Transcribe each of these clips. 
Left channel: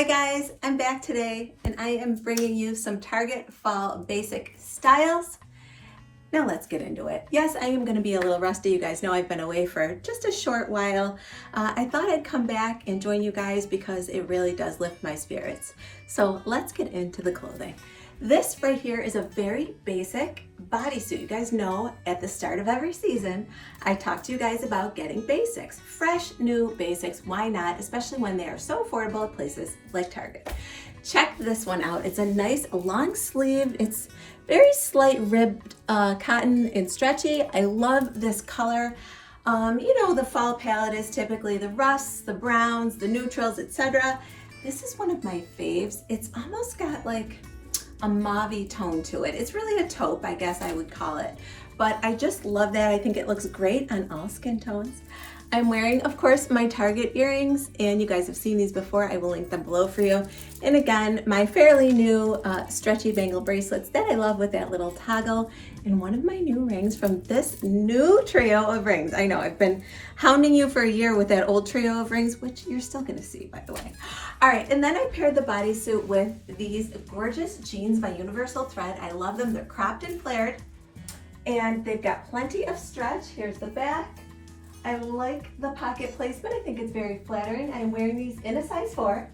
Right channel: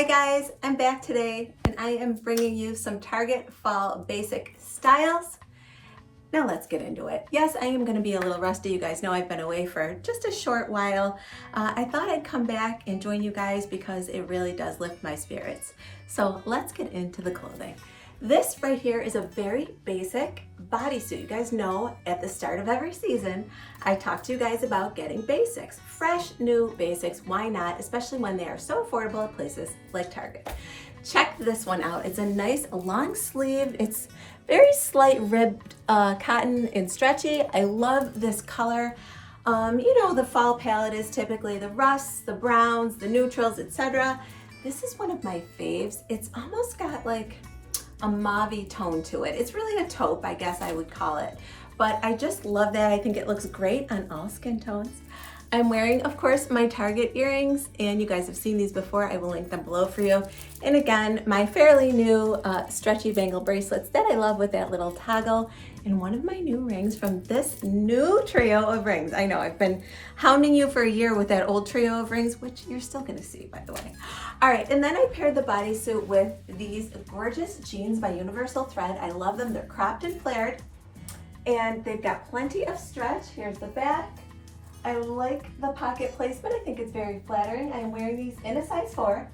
Hi guys, I'm back today and I am bringing you some Target fall basic styles. Now let's get into it. Yes, I am going to be a little rusty. You guys know I've been away for just a short while. I thought I'd come back and join you guys because it really does lift my spirits. So let's get into the clothing. This right here is a very basic bodysuit. You guys know at the start of every season, I talk to you guys about getting basics, fresh new basics. Why not? Especially when they are so affordable at places like Target. Check this one out. It's a nice long sleeve. It's very slight ribbed cotton and stretchy. I love this color. You know, the fall palette is typically the rusts, the browns, the neutrals, etc. This is one of my faves. It's almost got like a mauve-y tone to it. It's really a taupe, I guess I would call it. But I just love that. I think it looks great on all skin tones. I'm wearing, of course, my Target earrings, and you guys have seen these before. I will link them below for you. And again, my fairly new stretchy bangle bracelets that I love with that little toggle, and one of my new rings from this new trio of rings. I know I've been hounding you for a year with that old trio of rings, which you're still gonna see, by the way. All right, and then I paired the bodysuit with these gorgeous jeans by Universal Thread. I love them. They're cropped and flared, and they've got plenty of stretch. Here's the back. I like the pocket placement. I think it's very flattering. I'm wearing these in a size 4.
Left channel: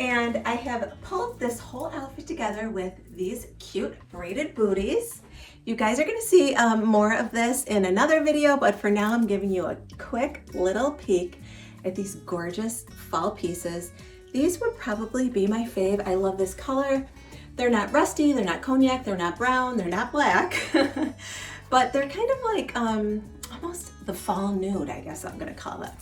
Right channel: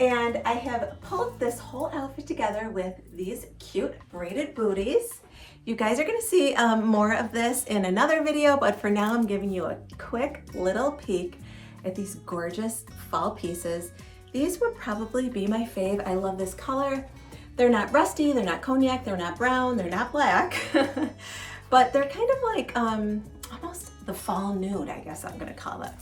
And I have pulled this whole outfit together with these cute braided booties. You guys are gonna see more of this in another video, but for now I'm giving you a quick little peek at these gorgeous fall pieces. These would probably be my fave. I love this color. They're not rusty, they're not cognac, they're not brown, they're not black, but they're kind of like almost the fall nude, I guess I'm gonna call it.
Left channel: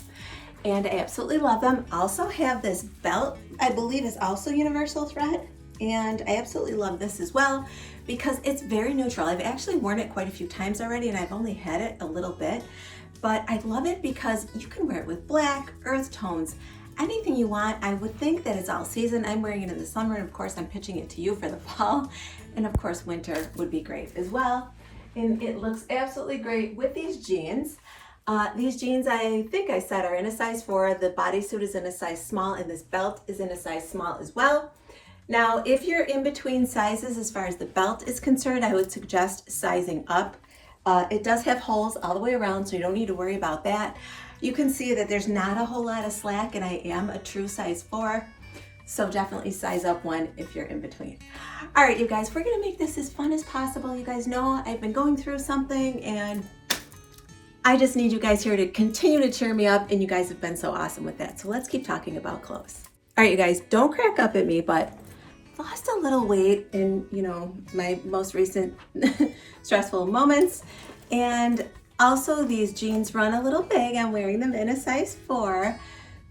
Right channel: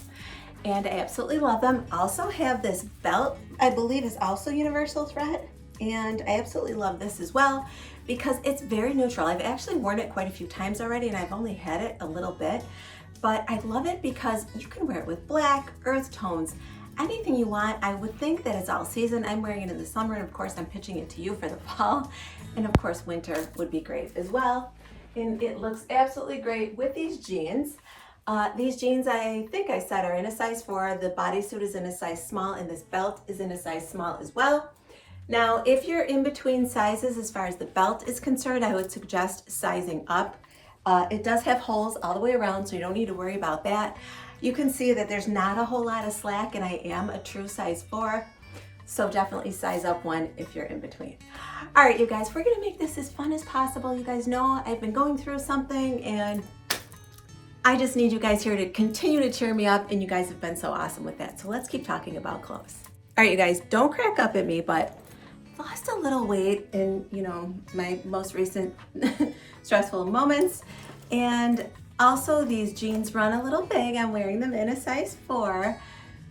And I absolutely love them. Also have this belt, I believe is also Universal Thread, and I absolutely love this as well because it's very neutral. I've actually worn it quite a few times already, and I've only had it a little bit, but I love it because you can wear it with black, earth tones, anything you want. I would think that it's all season. I'm wearing it in the summer, and of course I'm pitching it to you for the fall, and of course winter would be great as well. And it looks absolutely great with these jeans. These jeans, I think I said, are in a size 4. The bodysuit is in a size small, and this belt is in a size small as well. Now, if you're in between sizes as far as the belt is concerned, I would suggest sizing up. It does have holes all the way around, so you don't need to worry about that. You can see that there's not a whole lot of slack, and I am a true size 4. So definitely size up one if you're in between. All right, you guys, we're gonna make this as fun as possible. You guys know I've been going through something, and I just need you guys here to continue to cheer me up, and you guys have been so awesome with that. So let's keep talking about clothes. All right, you guys, don't crack up at me, but I've lost a little weight in, you know, my most recent stressful moments. And also these jeans run a little big. I'm wearing them in a size 4.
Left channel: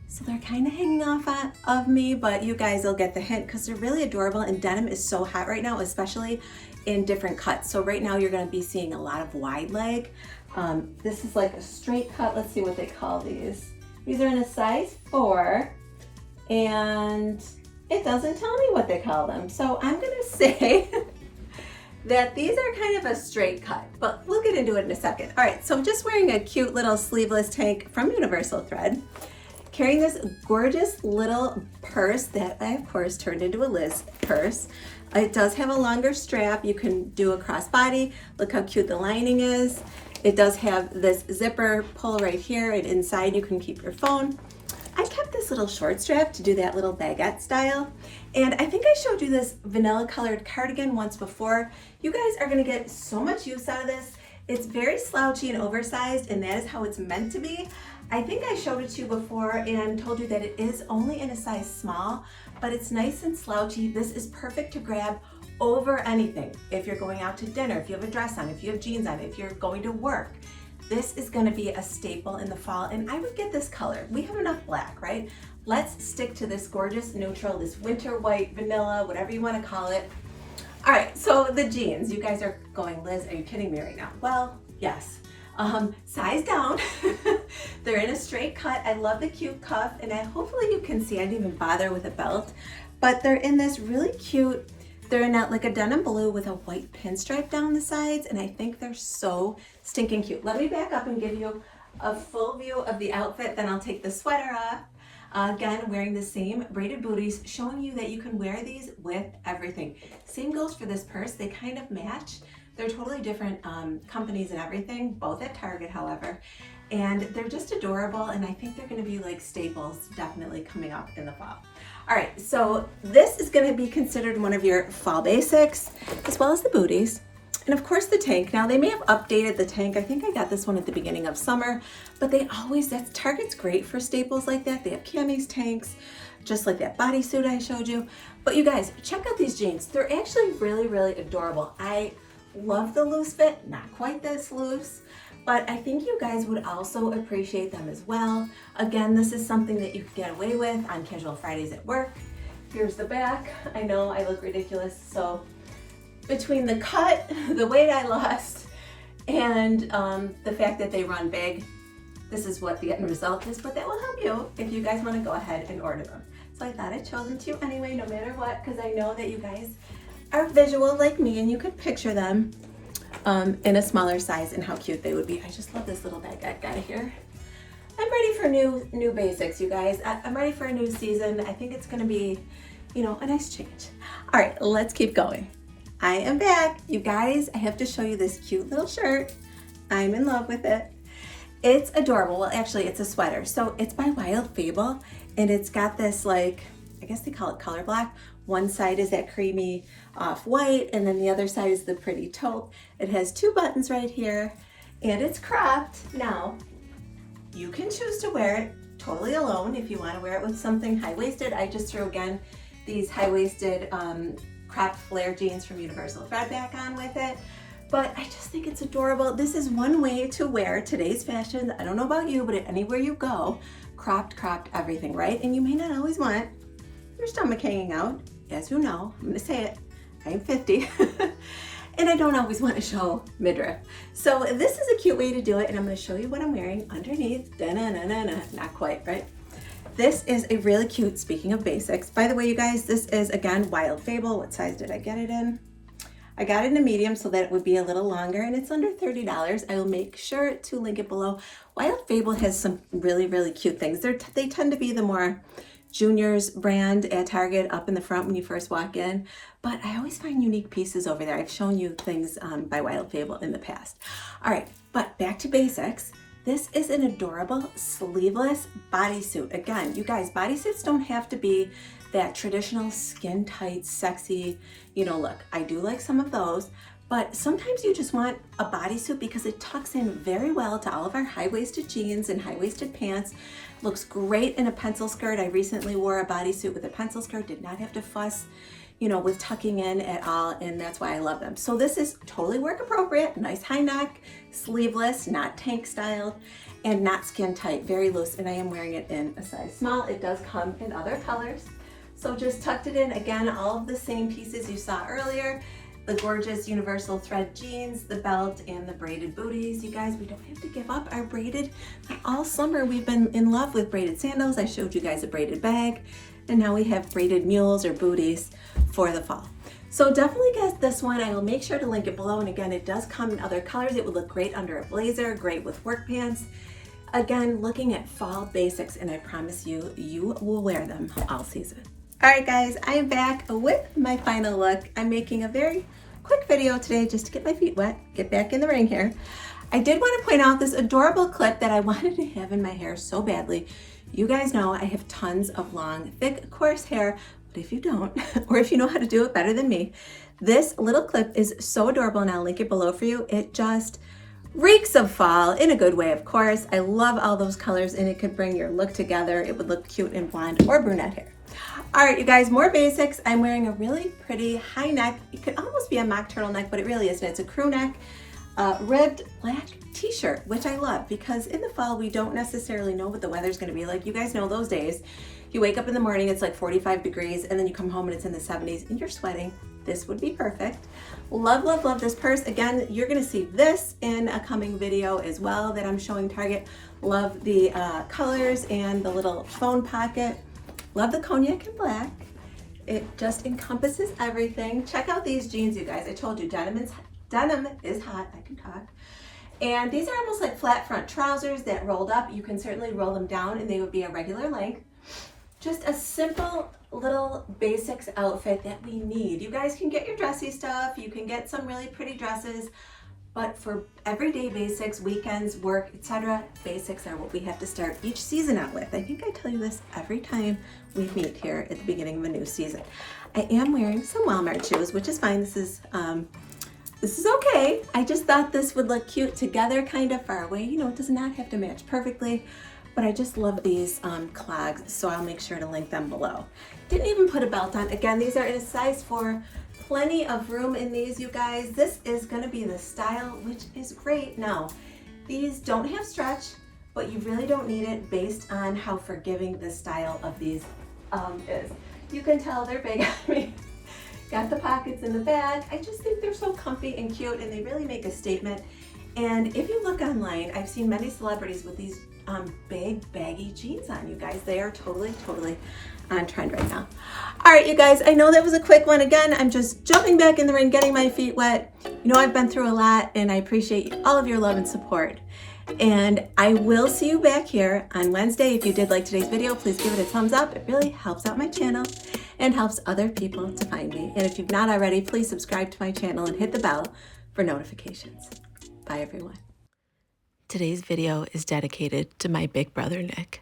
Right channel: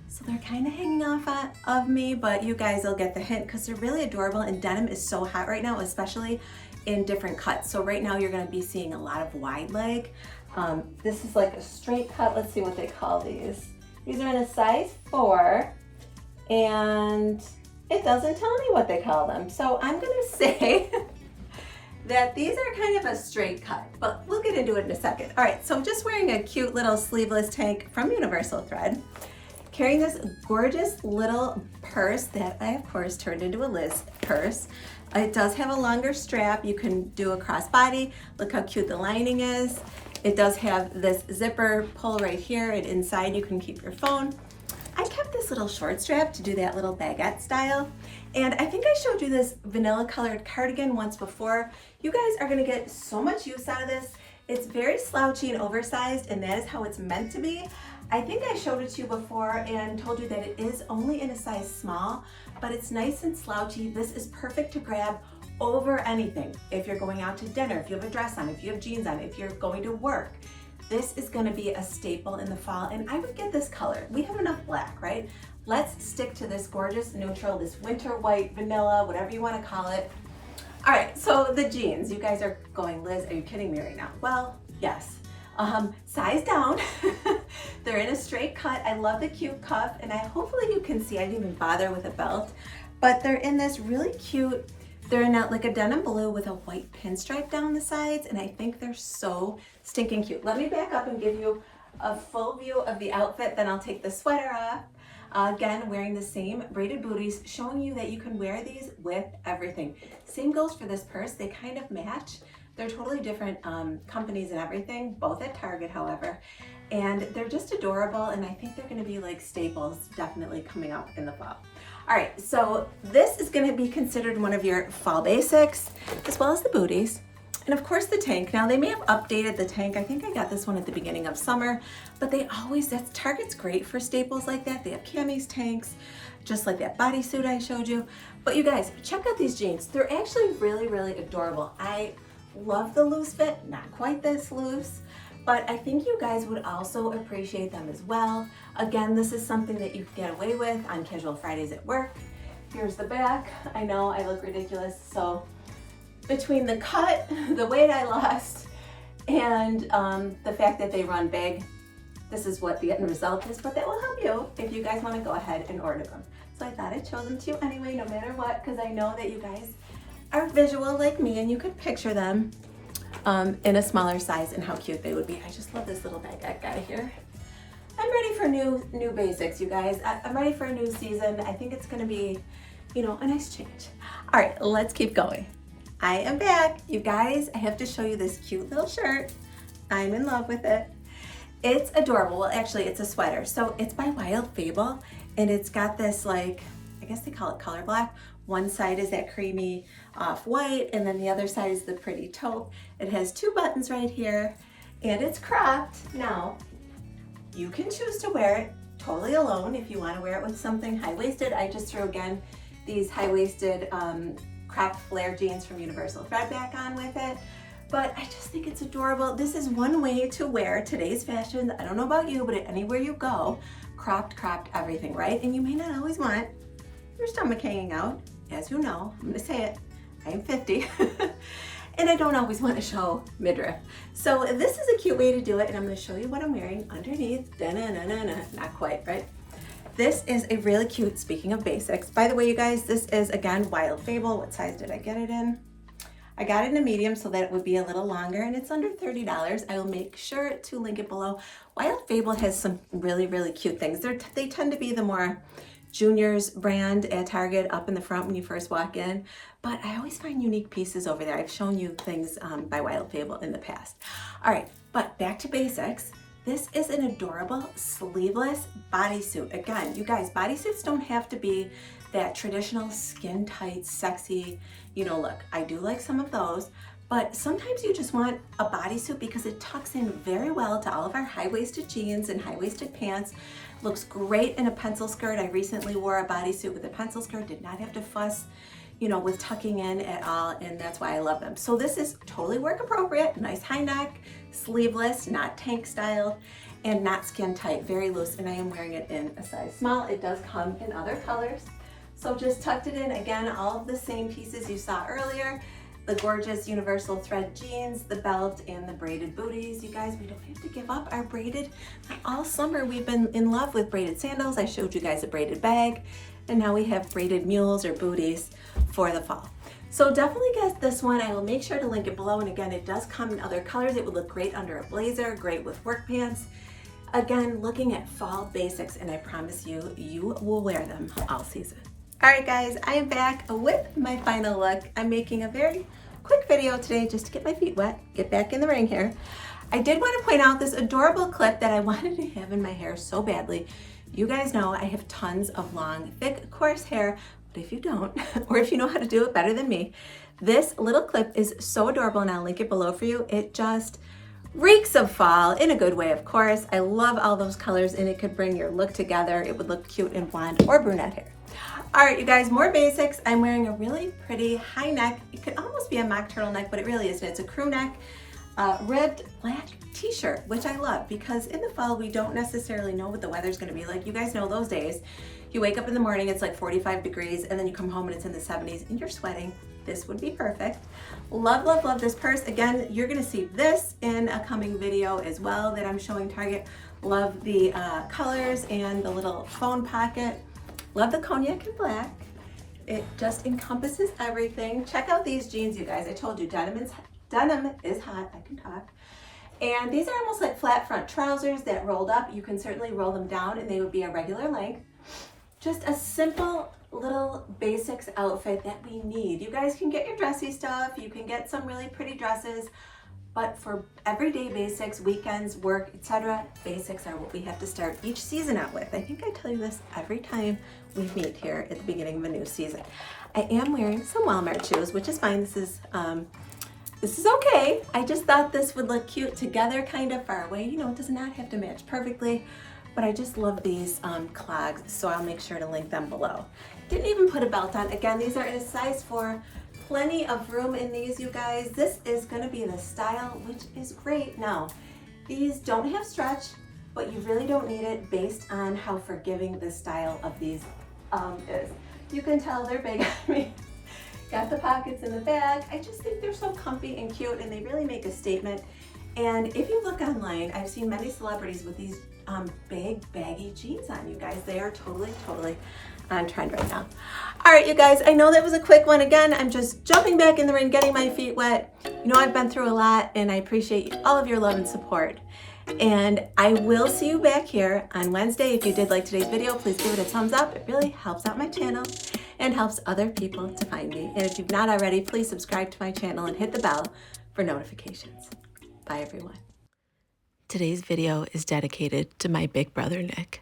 So they're kind of hanging off of me, but you guys will get the hint because they're really adorable, and denim is so hot right now, especially in different cuts. So right now you're gonna be seeing a lot of wide leg. This is like a straight cut. Let's see what they call these. These are in a size 4, and it doesn't tell me what they call them. So I'm gonna say that these are kind of a straight cut, but we'll get into it in a second. All right, so I'm just wearing a cute little sleeveless tank from Universal Thread, carrying this gorgeous little purse that I, of course, turned into a Liz purse. It does have a longer strap. You can do a crossbody. Look how cute the lining is. It does have this zipper pull right here, and inside you can keep your phone. I kept this little short strap to do that little baguette style. And I think I showed you this vanilla colored cardigan once before. You guys are gonna get so much use out of this. It's very slouchy and oversized, and that is how it's meant to be. I think I showed it to you before and told you that it is only in a size small, but it's nice and slouchy. This is perfect to grab over anything. If you're going out to dinner, if you have a dress on, if you have jeans on, if you're going to work, this is gonna be a staple in the fall, and I would get this color. We have enough black, right? Let's stick to this gorgeous neutral, this winter white, vanilla, whatever you wanna call it. All right, so the jeans, you guys are going, Liz, are you kidding me right now? Well, yes. Size down. They're in a straight cut. I love the cute cuff, and hopefully you can see I didn't even bother with a belt, but they're in this really cute, they're in like a denim blue with a white pinstripe down the sides, and I think they're so stinking cute. Let me back up and give you a full view of the outfit, then I'll take the sweater off. Again, wearing the same braided booties, showing you that you can wear these with everything. Same goes for this purse. They kind of match. They're totally different companies and everything, both at Target, however. And they're just adorable, and I think they're gonna be like staples definitely coming up in the fall. All right, so this is gonna be considered one of your fall basics, as well as the booties. And of course the tank. Now they may have updated the tank. I think I got this one at the beginning of summer, but Target's great for staples like that. They have camis, tanks, just like that bodysuit I showed you. But you guys, check out these jeans. They're actually really, really adorable. I love the loose fit, not quite this loose, but I think you guys would also appreciate them as well. Again, this is something that you can get away with on casual Fridays at work. Here's the back. I know I look ridiculous, so between the cut, the weight I lost, and the fact that they run big, this is what the end result is, but that will help you if you guys want to go ahead and order them. So I thought I'd show them to you anyway, no matter what, because I know that you guys are visual like me and you could picture them in a smaller size and how cute they would be. I just love this little Baguette guy here. I'm ready for new basics, you guys. I'm ready for a new season. I think it's going to be, you know, a nice change. All right, let's keep going. I am back. You guys, I have to show you this cute little shirt. I'm in love with it. It's adorable. Well, actually, it's a sweater. So it's by Wild Fable, and it's got this, like, I guess they call it color black. One side is that creamy off-white, and then the other side is the pretty taupe. It has 2 buttons right here, and it's cropped. Now, you can choose to wear it totally alone if you want to wear it with something high-waisted. I just threw, again, these high-waisted cropped flare jeans from Universal Thread back on with it, but I just think it's adorable. This is one way to wear today's fashion. I don't know about you, but anywhere you go, cropped everything, right? And you may not always want your stomach hanging out. As you know, I'm gonna say it, I am 50, and I don't always want to show midriff. So this is a cute way to do it, and I'm gonna show you what I'm wearing underneath. Da-na-na-na-na. Not quite, right? This is a really cute, speaking of basics. By the way, you guys, this is, again, Wild Fable. What size did I get it in? I got it in a medium so that it would be a little longer, and it's under $30. I will make sure to link it below. Wild Fable has some really, really cute things. They tend to be the more juniors brand at Target up in the front when you first walk in, but I always find unique pieces over there. I've shown you things by Wild Fable in the past. All right, but back to basics. This is an adorable sleeveless bodysuit. Again, you guys, bodysuits don't have to be that traditional skin tight, sexy, you know, look. I do like some of those, but sometimes you just want a bodysuit because it tucks in very well to all of our high-waisted jeans and high-waisted pants. Looks great in a pencil skirt. I recently wore a bodysuit with a pencil skirt, did not have to fuss, you know, with tucking in at all, and that's why I love them. So this is totally work appropriate, nice high neck, sleeveless, not tank styled, and not skin tight, very loose, and I am wearing it in a size small. It does come in other colors. So just tucked it in, again, all of the same pieces you saw earlier, the gorgeous Universal Thread jeans, the belt, and the braided booties. You guys, we don't have to give up our braided. All summer we've been in love with braided sandals. I showed you guys a braided bag, and now we have braided mules or booties for the fall. So definitely get this one. I will make sure to link it below, and again, it does come in other colors. It would look great under a blazer, great with work pants. Again, looking at fall basics, and I promise you, you will wear them all season. All right, guys, I am back with my final look. I'm making a very quick video today just to get my feet wet, get back in the rain here. I did want to point out this adorable clip that I wanted to have in my hair so badly. You guys know I have tons of long, thick, coarse hair, but if you don't, or if you know how to do it better than me, this little clip is so adorable, and I'll link it below for you. It just reeks of fall in a good way, of course. I love all those colors, and it could bring your look together. It would look cute in blonde or brunette hair. All right, you guys, more basics. I'm wearing a really pretty high neck. It could almost be a mock turtleneck, but it really isn't. It's a crew neck, ribbed black t-shirt, which I love because in the fall, we don't necessarily know what the weather's gonna be like. You guys know those days. You wake up in the morning, it's like 45 degrees, and then you come home and it's in the 70s and you're sweating. This would be perfect. Love, love, love this purse. Again, you're gonna see this in a coming video as well that I'm showing Target. Love the colors and the little phone pocket. Love the cognac and black. It just encompasses everything. Check out these jeans, you guys. I told you denim is hot, I can talk. And these are almost like flat front trousers that rolled up. You can certainly roll them down and they would be a regular length. just a simple little basics outfit that we need. You guys can get your dressy stuff, you can get some really pretty dresses, but for everyday basics, weekends, work, etc., basics are what we have to start each season out with. I think I tell you this every time we meet here at the beginning of a new season. I am wearing some Walmart shoes, which is fine. This is okay. I just thought this would look cute together, kind of far away. You know, it does not have to match perfectly, but I just love these clogs, so I'll make sure to link them below. Didn't even put a belt on. Again, these are in a size 4. Plenty of room in these, you guys. This is gonna be the style, which is great. Now, these don't have stretch, but you really don't need it based on how forgiving the style of these is. You can tell they're big on me. Got the pockets in the back. I just think they're so comfy and cute, and they really make a statement. And if you look online, I've seen many celebrities with these big baggy jeans on, you guys. They are totally on trend right now. All right, you guys, I know that was a quick one. Again, I'm just jumping back in the ring, getting my feet wet. You know, I've been through a lot, and I appreciate all of your love and support. And I will see you back here on Wednesday. If you did like today's video, please give it a thumbs up. It really helps out my channel and helps other people to find me. And if you've not already, please subscribe to my channel and hit the bell for notifications. Bye, everyone. Today's video is dedicated to my big brother, Nick.